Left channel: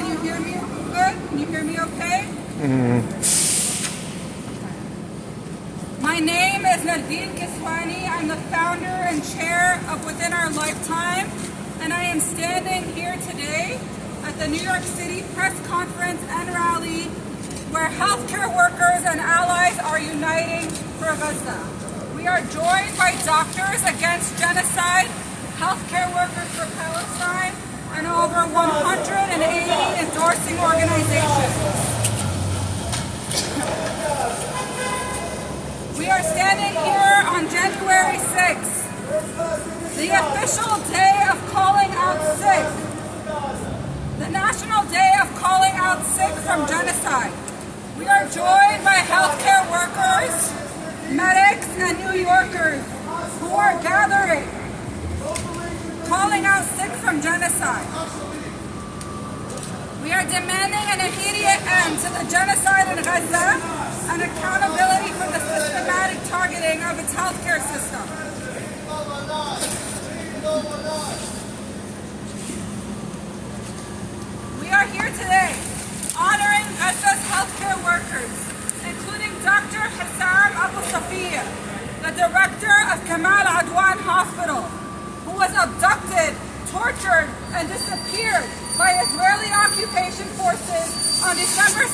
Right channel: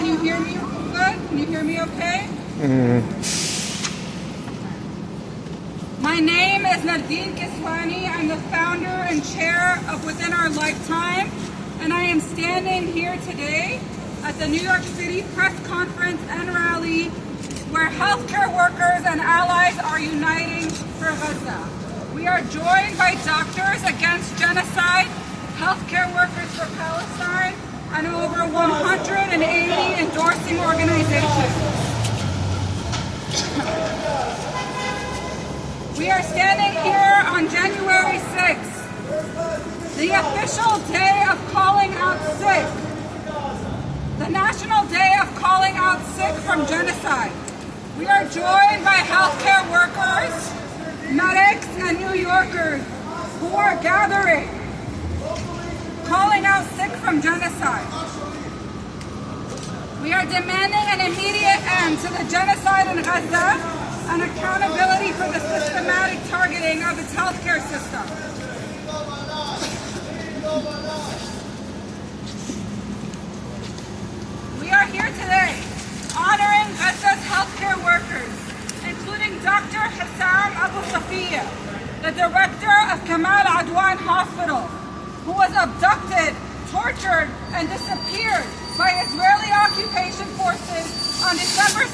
Can you hear me good? Can you hear me okay? My name is Nerdeen Kiswani. I'm the founder and chair of Within Our Lifetime, and I am standing here today at the New York City press conference and rally where healthcare workers and allies are uniting for Gaza. We are joined by Doctors Against Genocide, Healthcare Workers for Palestine, and over 180 endorsing organizations. We are standing here on January 6th, the official day of calling out sick, the national day of calling out sick from genocide. We are joined by healthcare workers, medics, and New Yorkers who are gathering, calling out sick from genocide. We are demanding an immediate end to the genocide in Gaza and accountability for the systematic targeting of its healthcare system. We are here today honoring Gaza's healthcare workers, including Dr. Hussam Abu Safiyya, the director of Kamal Adwan Hospital, who was abducted, tortured, and disappeared by Israeli occupation forces on December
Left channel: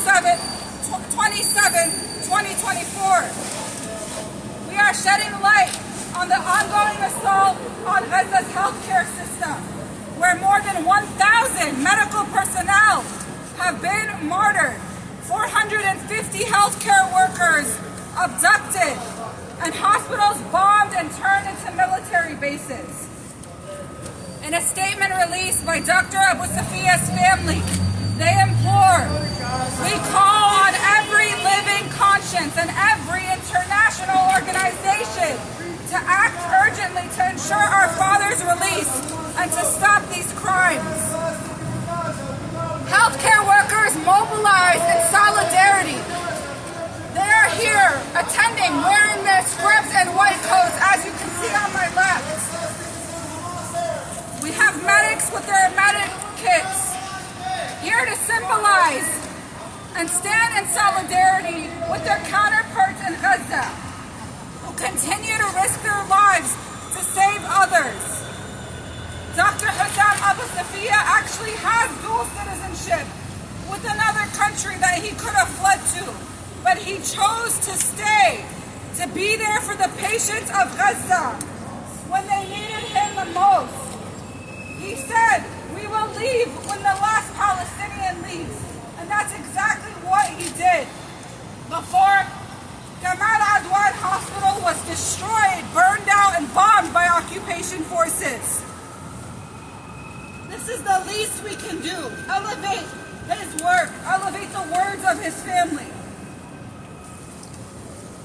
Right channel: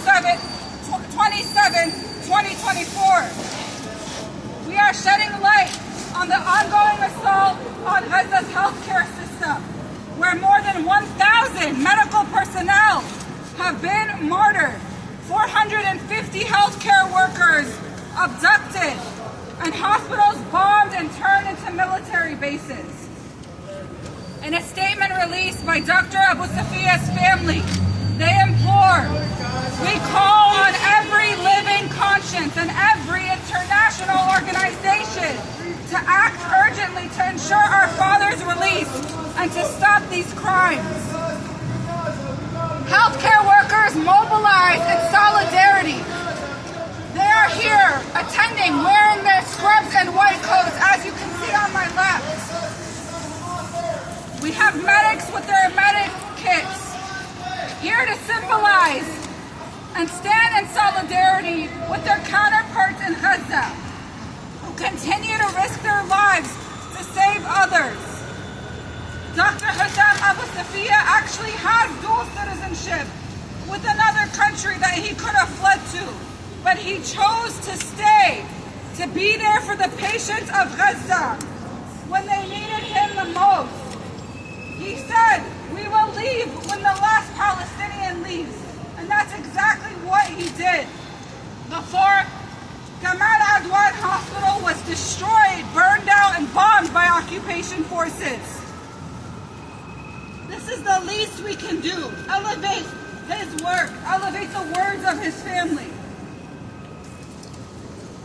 27, 2024. We are shedding light on the ongoing assault on Gaza's healthcare system, where more than 1,000 medical personnel have been martyred, 450 healthcare workers abducted, and hospitals bombed and turned into military bases. In a statement released by Dr. Abu Safiyya's family, they implore, we call on every living conscience and every international organization to act urgently to ensure our father's release and to stop these crimes. Healthcare workers mobilize in solidarity. They are here attending, wearing their scrubs and white coats, as you can see on my left. We have medics with their medic kits, here to symbolize and stand in solidarity with their counterparts in Gaza, who continue to risk their lives to save others. Dr. Hussam Abu Safiyya actually has dual citizenship with another country that he could have fled to, but he chose to stay, to be there for the patients of Gaza when they needed him the most. He said, we will leave when the last Palestinian leaves. And that's exactly what he did. Before Kamal Adwan Hospital was destroyed, burned out, and bombed by occupation forces. This is the least we can do. Elevate his work, elevate the words of his family.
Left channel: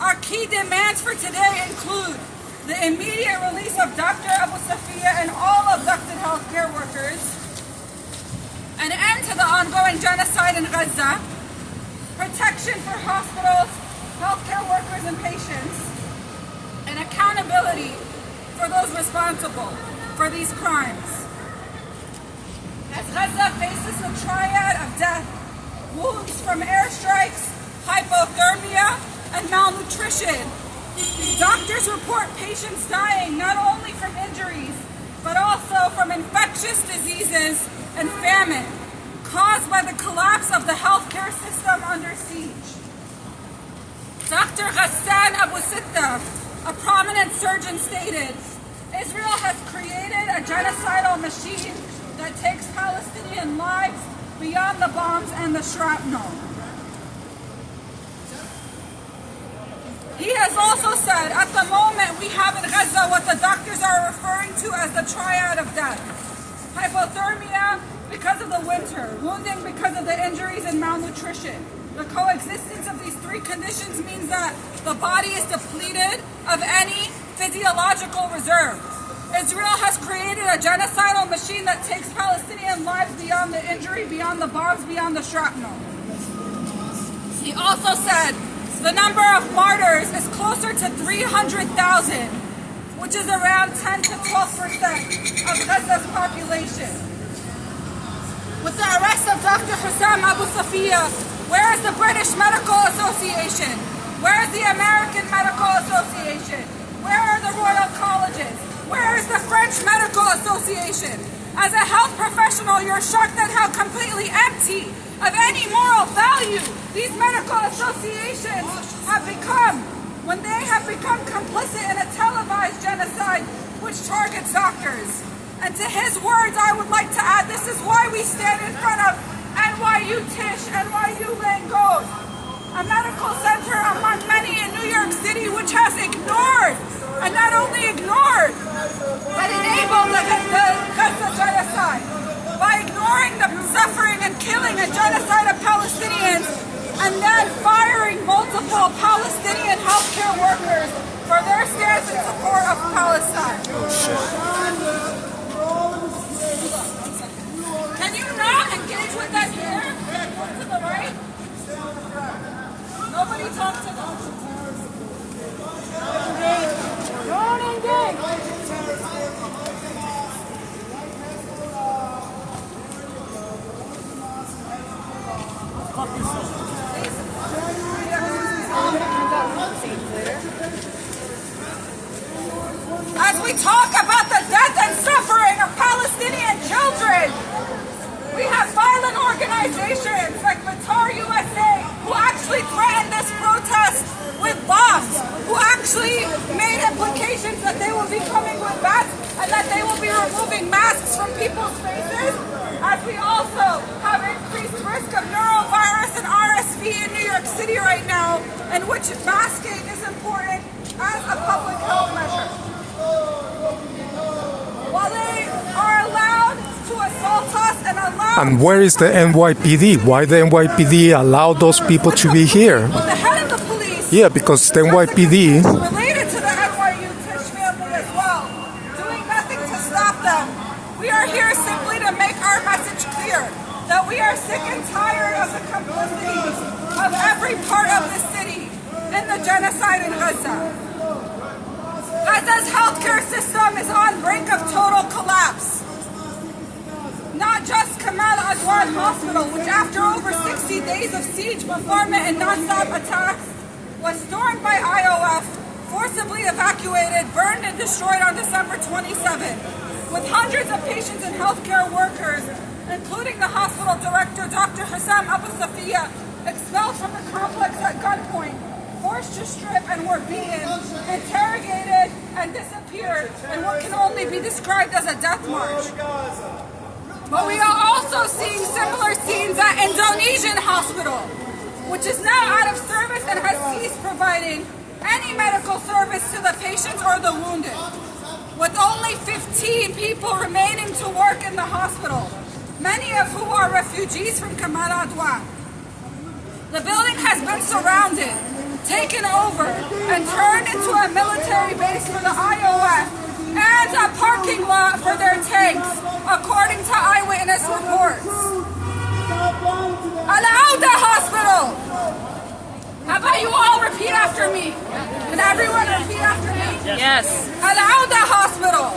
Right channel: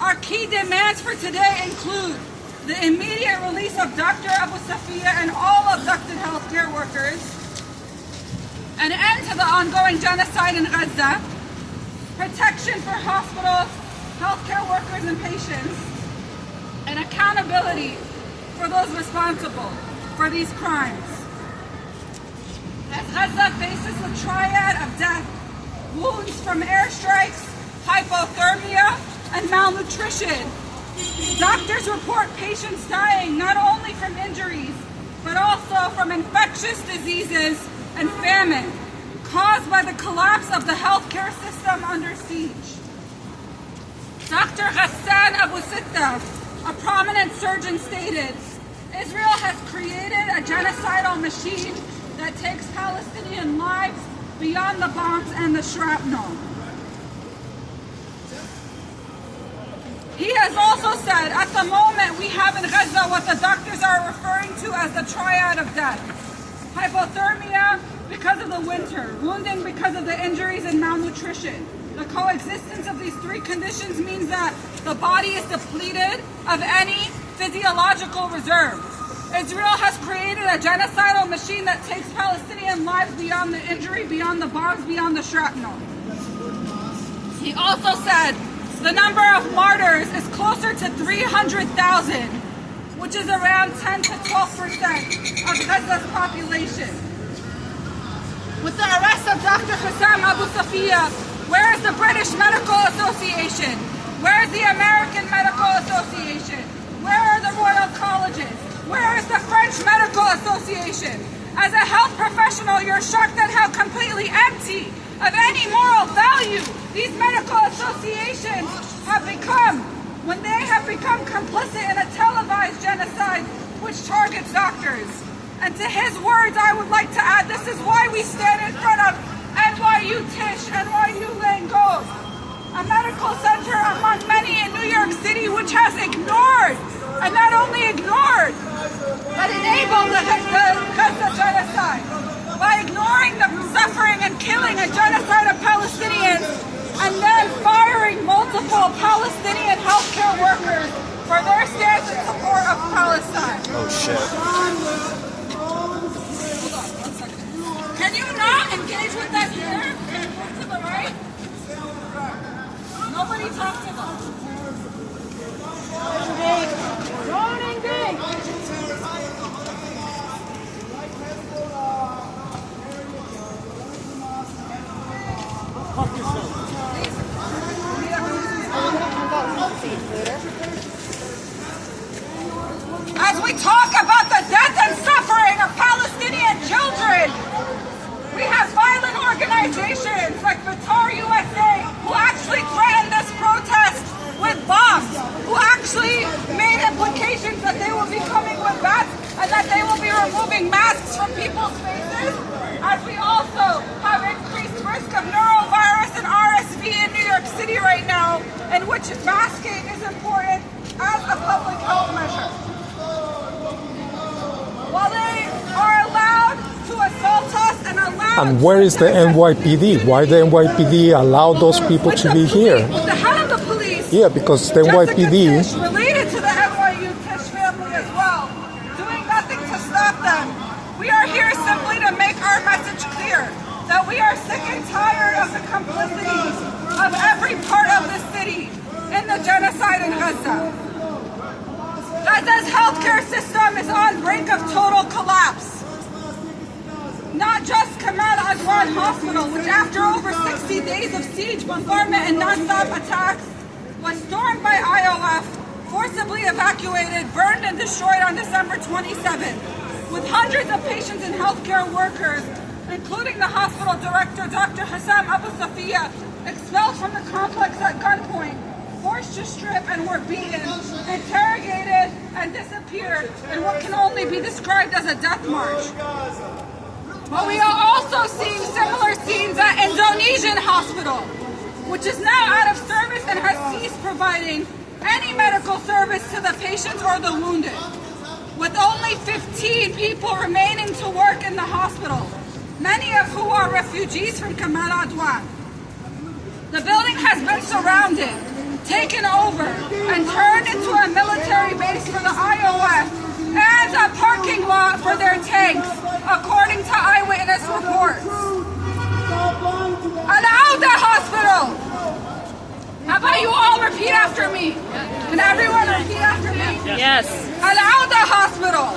Our key demands for today include the immediate release of Dr. Abu Safiyya and all abducted healthcare workers, an end to the ongoing genocide in Gaza, protection for hospitals, healthcare workers, and patients, and accountability for those responsible for these crimes. As Gaza faces the triad of death, wounds from airstrikes, hypothermia, and malnutrition, doctors report patients dying not only from injuries, but also from infectious diseases and famine caused by the collapse of the healthcare system under siege. Dr. Ghassan Abu Sitta, a prominent surgeon, stated, Israel has created a genocidal machine that takes Palestinian lives beyond the bombs and the shrapnel. He has also said, at the moment we have in Gaza what the doctors are referring to as the triad of death. Hypothermia because of the winter, wounding because of the injuries and malnutrition. The coexistence of these three conditions means that the body is depleted of any physiological reserves. Israel has created a genocidal machine that takes Palestinian lives beyond the injury, beyond the bombs, beyond the shrapnel. He also said, the number of martyrs is closer to 300,000, which is around 10 to 12% of Gaza's population. With the arrest of Dr. Hussam Abu Safiyya, where is the British Medical Association? Where is the American Medical Association? Where are the Royal Colleges? Where is the French Medical Association? As a health professional, you're shocked at how completely empty of any moral value these medical associations have become when they have become complicit in a televised genocide which targets doctors. And to his words, I would like to add, this is why we stand in front of NYU Tisch, NYU Langos, a medical center among many in New York City which has ignored, and not only ignored, but enabled the Gaza genocide by ignoring the suffering and killing and genocide of Palestinians and then firing multiple Palestinian healthcare workers for their stance in support of Palestine. Oh shit. Can you not engage with that here? To the right? Nobody talk to them. Don't engage. As we talk about the death and suffering of Palestinian children, we have violent organizations like Qatar USA who actually threatened this protest with bombs, who actually made implications that they will be coming with bats and that they will be removing masks from people's faces, as we also have increased risk of norovirus and RSV in New York City right now, in which masking is important as a public health measure. While they are allowed to assault us and allowed... And where is the NYPD? Why the NYPD allow those people to be here? With the head of the police. Yeah, because the NYPD... related to the NYU Tisch family as well, doing nothing to stop them. We are here simply to make our message clear that we are sick and tired of the complicity of every part of the city in the genocide in Gaza. Gaza's healthcare system is on brink of total collapse. Not just Kamal Adwan Hospital, which after over 60 days of siege, bombardment, and non-stop attacks, was stormed by IOF, forcibly evacuated, burned, and destroyed on December 27, with hundreds of patients and healthcare workers, including the hospital director, Dr. Hussam Abu Safiyya, expelled from the complex at gunpoint, forced to strip and were beaten, interrogated, and disappeared in what can only be described as a death march. But we are also seeing similar scenes at Indonesian hospital, which is now out of service and has ceased providing any medical service to the patients or the wounded, with only 15 people remaining to work in the hospital, many of who are refugees from Kamal Adwan. The building has been surrounded, taken over, and turned into a military base for the IOF and a parking lot for their tanks, according to eyewitness reports. Al-Auda Hospital! How about you all repeat after me? Can everyone repeat after me? Yes. Al-Auda Hospital!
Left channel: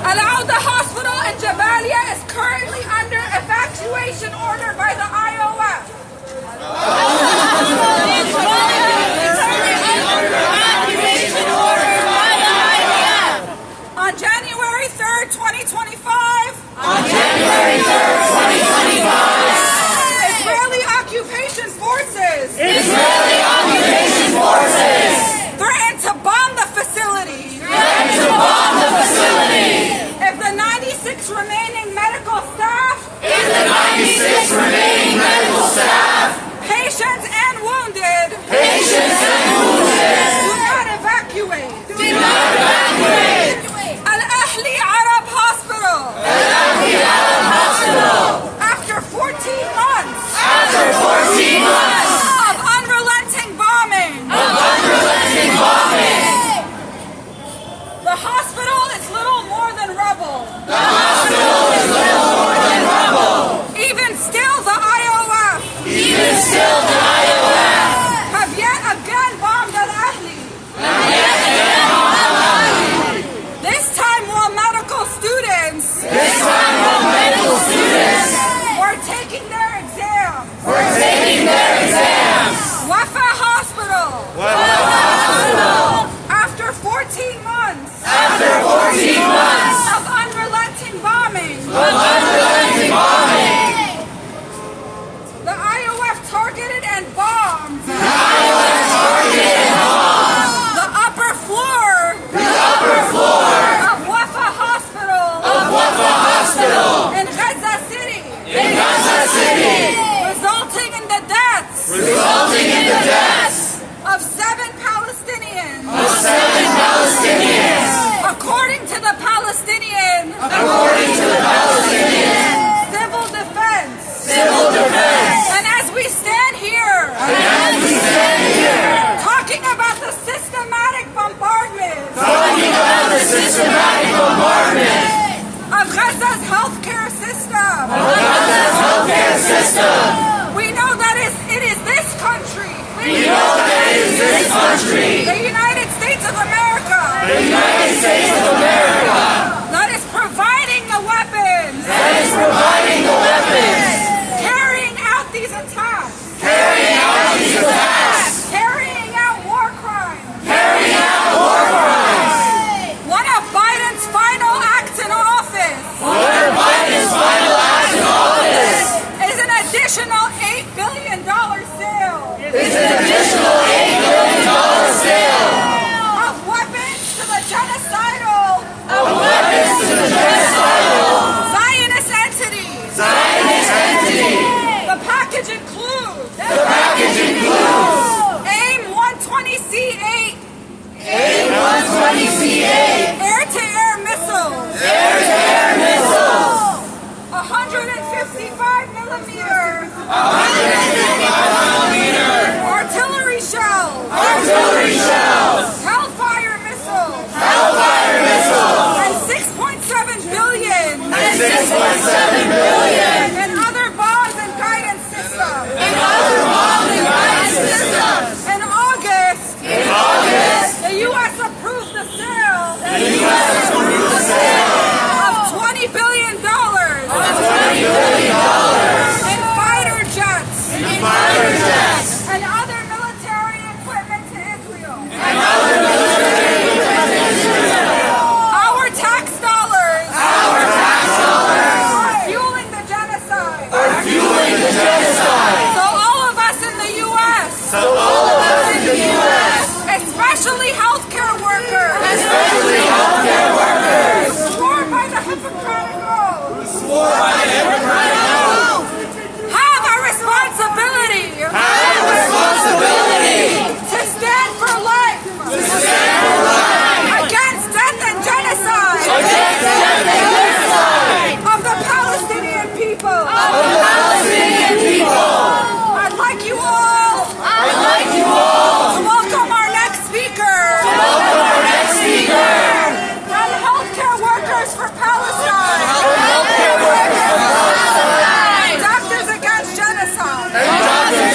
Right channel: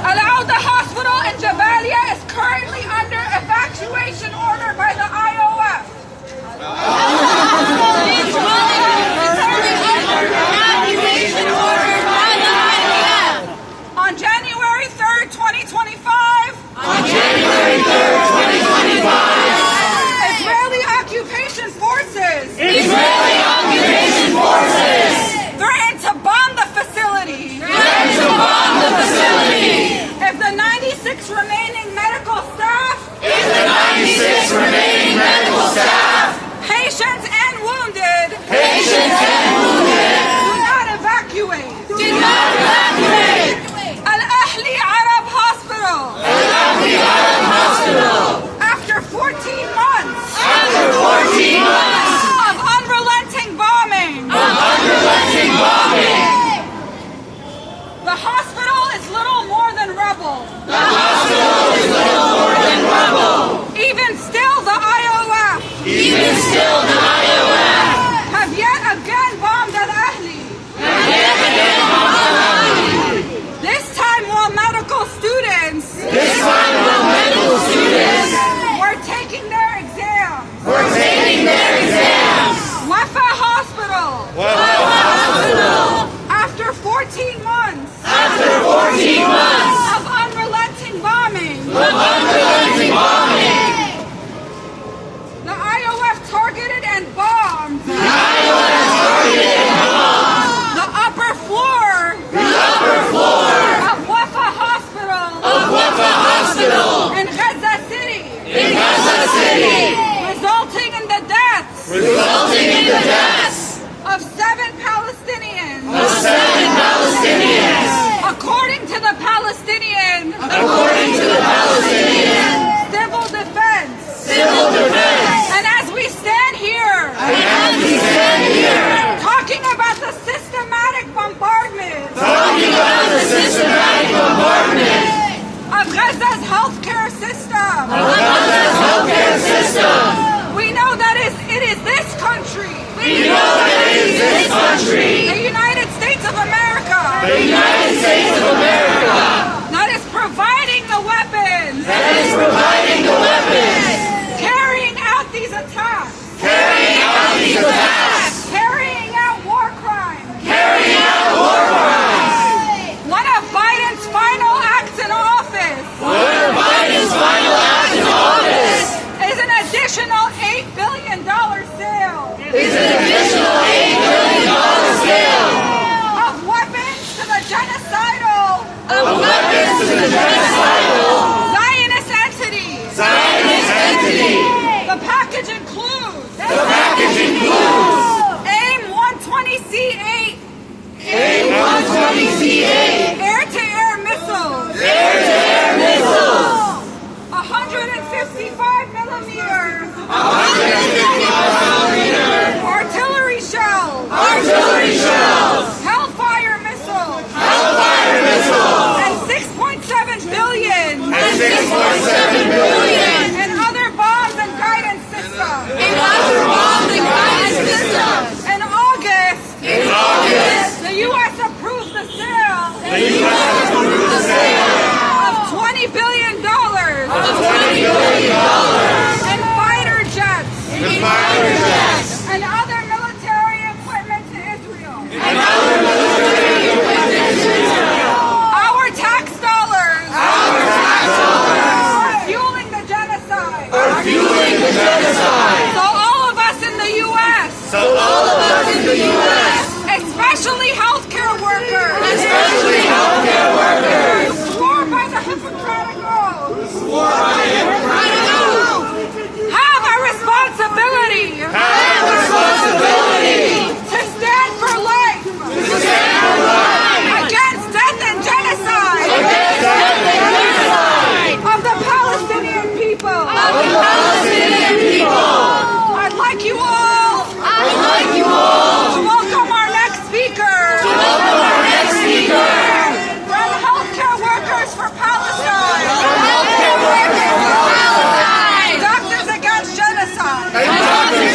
Al-Auda Hospital in Jabalia is currently under evacuation order by the IOF. On January 3rd, 2025. Israeli occupation forces. Threatened to bomb the facility. If the 96 remaining medical staff. Patients and wounded. Do not evacuate. Al-Ahli Arab Hospital. After 14 months. Of unrelenting bombing. The hospital is little more than rubble. Even still, the IOF. Have yet again bombed Al-Ahli. This time while medical students 14 months. After 14 months Of unrelenting bombing. The IOF targeted and bombed. The upper floor. Of Wafa Hospital. In Gaza City. Resulting in the deaths. Of 7 Palestinians. According to the Palestinian. Civil defense. And as we stand here. Talking about the systematic bombardment. Of Gaza's healthcare system. We know that it is this country. The United States of America. That is providing the weapons. Carrying out these attacks. Carrying out war crimes. One of Biden's final acts in office. Is an additional $8 billion sale. Of weapons to the genocidal. Zionist entities. The package includes. AIM-120C8. Air-to-air missiles. 155 millimeter. Artillery shells. Hellfire missiles. And 6.7 billion. In other bombs and guidance systems. In August. The U.S. approved the sale.